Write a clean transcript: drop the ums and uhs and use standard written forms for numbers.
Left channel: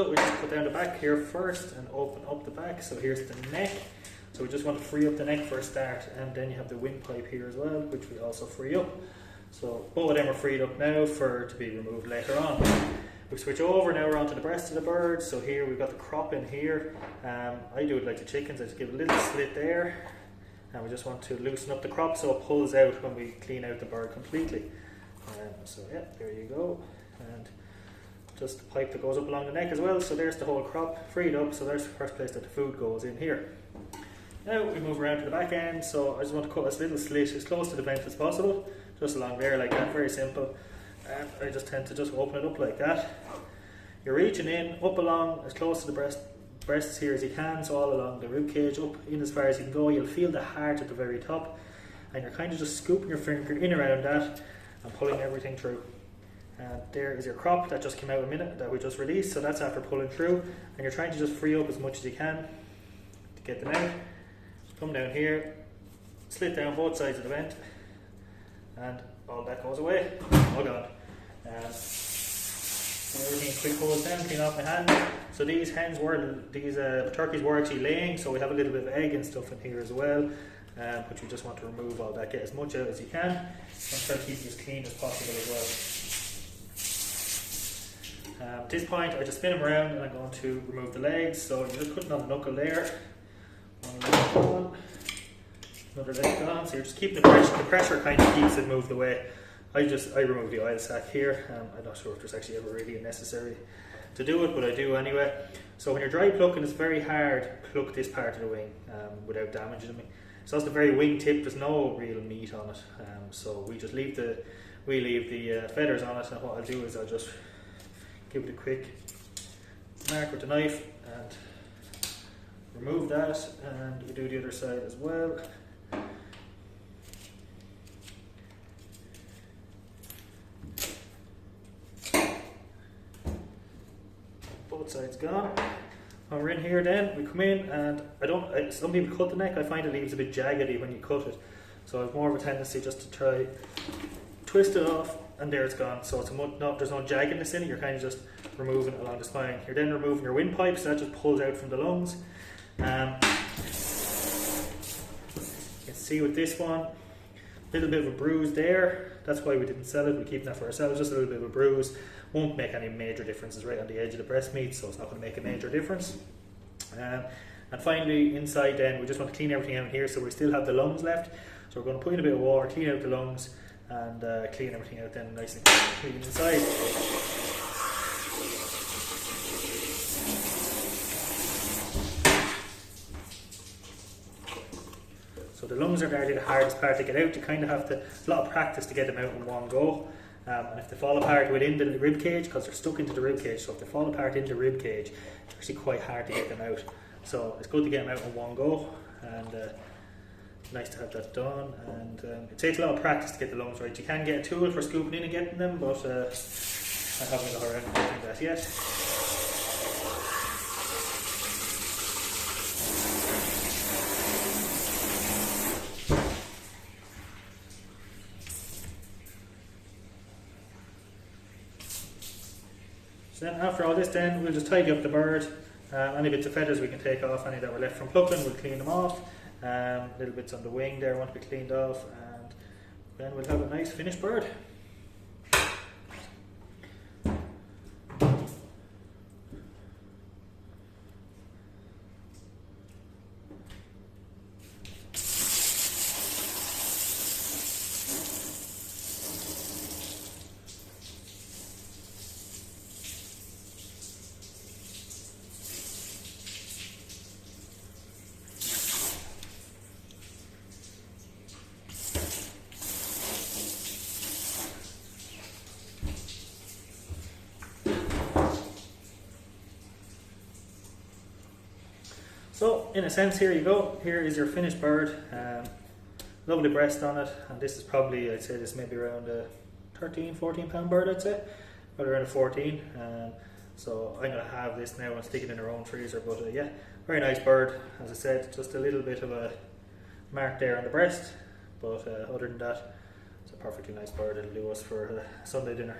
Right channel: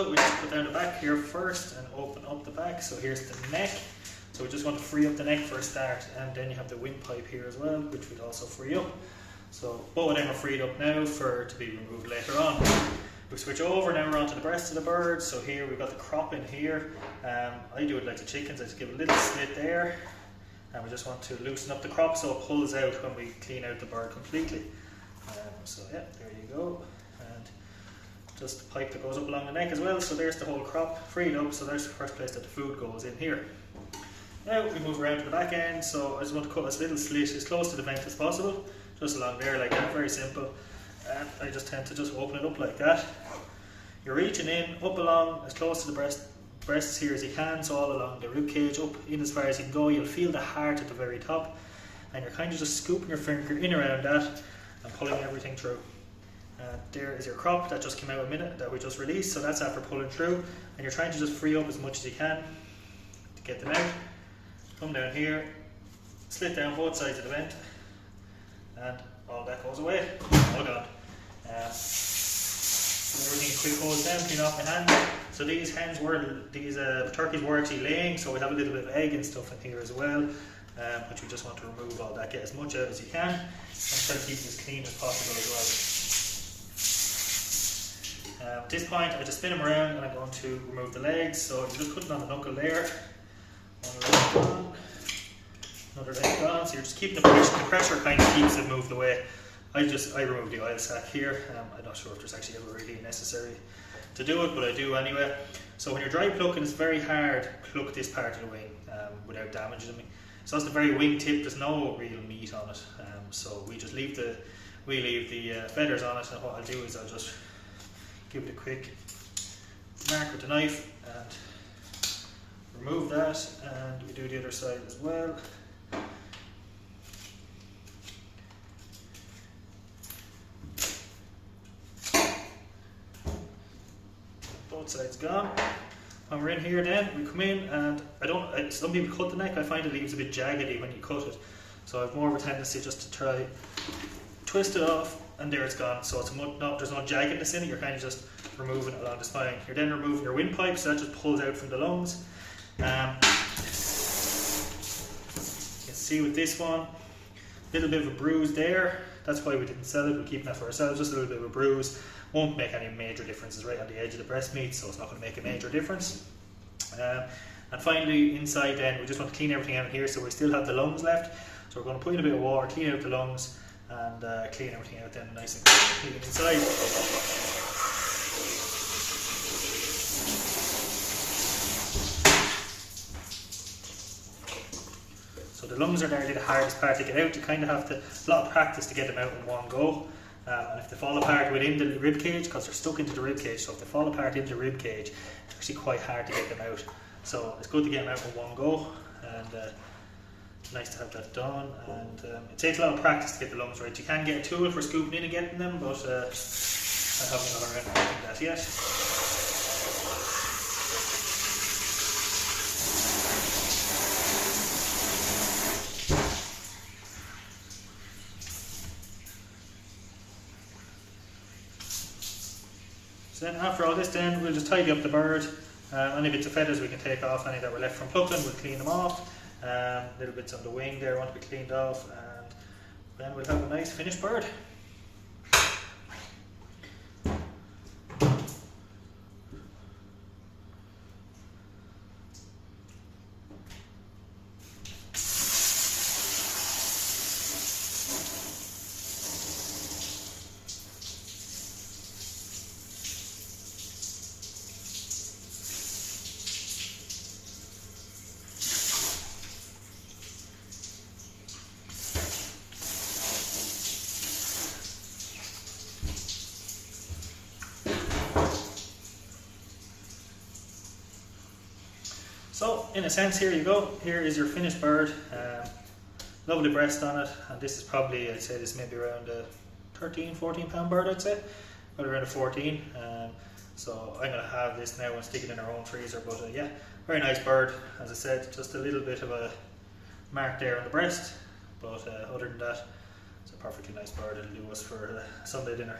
So we just put down the back here first and open up the back. So here's the neck. So we just want to free up the neck for a start, and then you have the windpipe here as well, which we also free up. So both of them are freed up now to be removed later on. We switch over now onto the breast of the bird. So here we've got the crop in here. I do it like the chickens. I just give a little slit there, and we just want to loosen up the crop so it pulls out when we clean out the bird completely. So yeah, there you go. And just the pipe that goes up along the neck as well. So there's the whole crop freed up. So there's the first place that the food goes in here. Now we move around to the back end. So I just want to cut this little slit as close to the vent as possible, just along there like that, very simple. And I just tend to just open it up like that. You're reaching in, up along as close to the breasts here as you can, so all along the rib cage, up in as far as you can go. You'll feel the heart at the very top, and you're kind of just scooping your finger in around that and pulling everything through. There is your crop that just came out a minute, that we just released, so that's after pulling through, and you're trying to just free up as much as you can to get them out. Come down here, slit down both sides of the vent, and all that goes away. Oh god. Everything quick goes down, clean off my hand. So these turkeys were actually laying, so we have a little bit of egg and stuff in here as well, which we just want to remove all that, get as much out as you can, and try to keep it as clean as possible as well. At this point I just spin them around and I'm going to remove the legs. So you're just putting on the knuckle there, another leg on, so you're just keeping the pressure kind of keeps it moved away. I remove the oil sac here. I'm not sure if there's actually ever really necessary to do it, but I do anyway. So when you're dry plucking, it's very hard to pluck this part of the wing without damaging it. So that's the very wing tip. There's no real meat on it, so we just leave the feathers on it. And what I'll do is I'll just give it a quick mark with the knife and remove that, and we do the other side as well. Both sides gone. When we're in here then, we come in, and some people cut the neck. I find it leaves a bit jaggedy when you cut it. So I have more of a tendency just to try twist it off, and there it's gone. So there's no jaggedness in it, you're kind of just removing it along the spine. You're then removing your windpipe, so that just pulls out from the lungs. You can see with this one, a little bit of a bruise there. That's why we didn't sell it, we're keeping that for ourselves, just a little bit of a bruise. Won't make any major differences right on the edge of the breast meat, so it's not going to make a major difference. And finally, inside then, we just want to clean everything out here, so we still have the lungs left. So we're going to put in a bit of water, clean out the lungs, and clean everything out then nice and clean inside. So the lungs are the hardest part to get out. You kind of have to, a lot of practice to get them out in one go. And if they fall apart within the rib cage, because they're stuck into the rib cage, so if they fall apart in the rib cage, it's actually quite hard to get them out. So it's good to get them out in one go, and nice to have that done. And it takes a lot of practice to get the lungs right. You can get a tool for scooping in and getting them, but I haven't got around to doing that yet. So then after all this then, we'll just tidy up the bird. Any bits of feathers we can take off, any that were left from plucking, we'll clean them off. Little bits on the wing there want to be cleaned off, and then we'll have a nice finished bird. So in a sense, here you go. Here is your finished bird. Lovely breast on it, and this is probably, I'd say this may be around a 13-14 pound bird, I'd say, but around a 14. So I'm going to have this now and stick it in our own freezer. But yeah, very nice bird. As I said, just a little bit of a mark there on the breast, but other than that, it's a perfectly nice bird. It'll do us for Sunday dinner.